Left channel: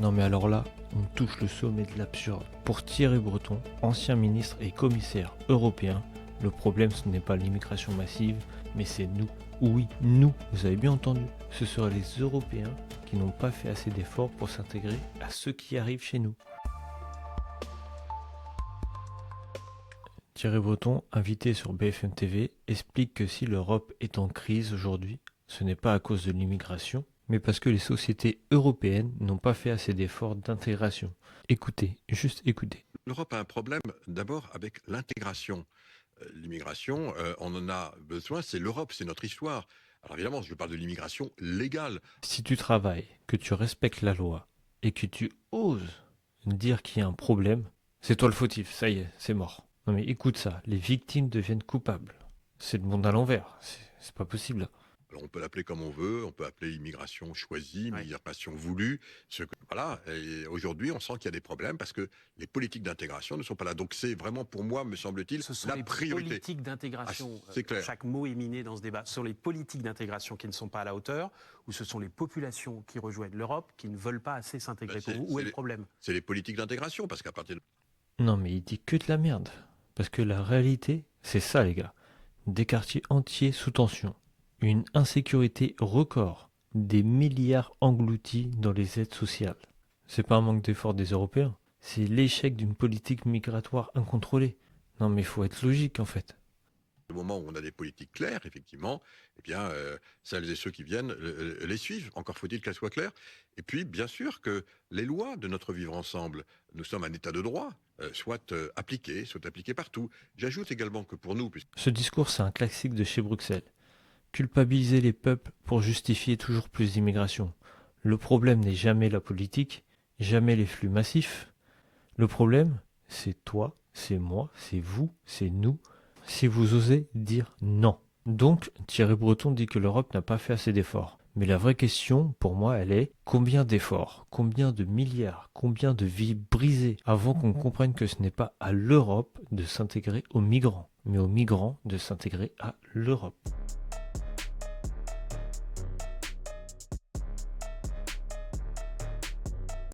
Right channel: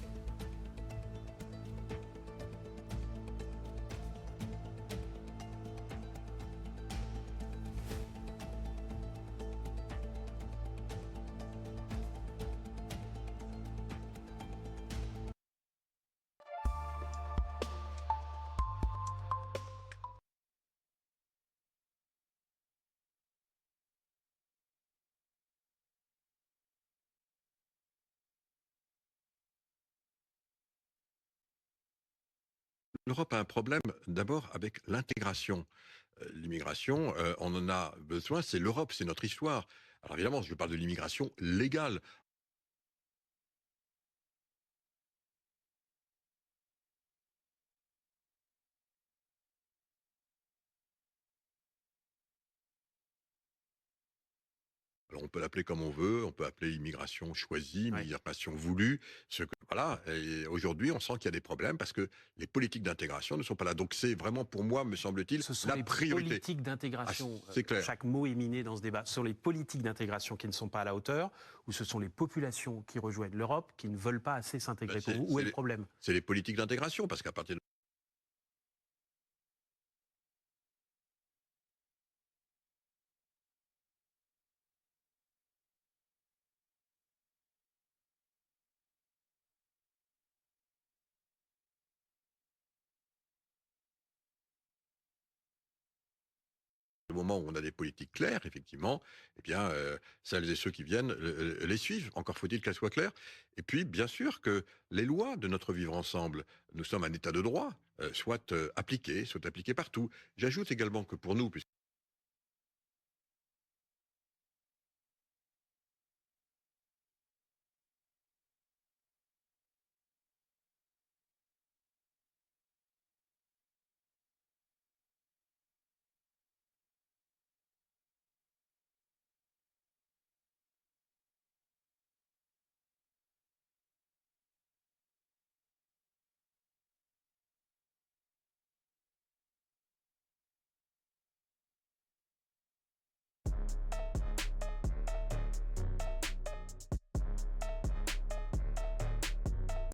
Non mais alors là, on touche le sommet de l'absurde. Pour Thierry Breton, ancien ministre et commissaire européen, le problème ce n'est pas l'immigration massive, mais c'est nous. Oui, nous, vous avez bien entendu. Ce seraient les Européens qui n'ont pas fait assez d'efforts pour s'intégrer à ceux qui arrivent chez nous. Thierry Breton, invité sur BFM TV, explique que si l'Europe est en crise aujourd'hui, ce n'est pas à cause de l'immigration, mais parce que les sociétés européennes n'ont pas fait assez d'efforts d'intégration. Écoutez, juste écoutez. L'Europe a un problème d'abord avec l'intégration. L'immigration, on en a besoin, c'est l'Europe, c'est notre histoire. Alors évidemment, je parle de l'immigration légale. Si tu travailles, que tu respectes la loi, et que tu oses dire qu'il y a un problème, c'est toi le fautif, ça y est, c'est mort. Non mais écoute ça, les victimes deviennent coupables. C'est le monde à l'envers, c'est pas possible. Alors on peut l'appeler comme on veut, on peut appeler immigration choisie, migration voulue. Voilà. Et aujourd'hui, on sent qu'il y a des problèmes parce que les politiques d'intégration ne sont pas là. Donc c'est vraiment pour moi, me semble-t-il, ce sont la les priorité. Politiques d'intégration. C'est clair. Chaque mot est miné dans ce débat. Ce sont les politiques d'intégration qui ne sont pas à la hauteur, ou ce sont les populations qui rejoignent l'Europe qui ne veulent pas assez s'intégrer. Pour vous, où est le problème? C'est les politiques d'intégration parce qu'à partir de... Non mais il dit que de la merde. Parce que la réalité, c'est ça les gars. Des quartiers entiers sous tension. Une insécurité record. Des milliards engloutis dans les aides sociales. C'est pas un manque d'effort des Européens. C'est l'échec d'une politique migratoire incontrôlée. Non mais il faut être logique en fait. Au moment où on a des politiques claires, effectivement, eh bien, celles et ceux qui viennent les suivent. Encore faut-il qu'elles soient claires. Et puis, bien sûr, que les lois de notre vivre ensemble, nous sommes un État de droit, soient appliquées partout. J'ajoute également que pour nous... Ce discours, c'est un classique de chez Bruxelles. Culpabiliser les peuples pour justifier toujours plus d'immigration. Le problème n'est jamais la politique, jamais les flux massifs. Le problème, c'est toi, c'est moi, c'est vous, c'est nous, si vous osez dire non. Donc, Thierry Breton dit que l'Europe n'a pas fait assez d'efforts. Mais la vraie question, pour moi, elle est combien d'efforts, combien de milliards, combien de vies brisées avant qu'on comprenne que ce n'est pas à l'Europe de s'intégrer aux migrants, mais aux migrants de s'intégrer à l'Europe.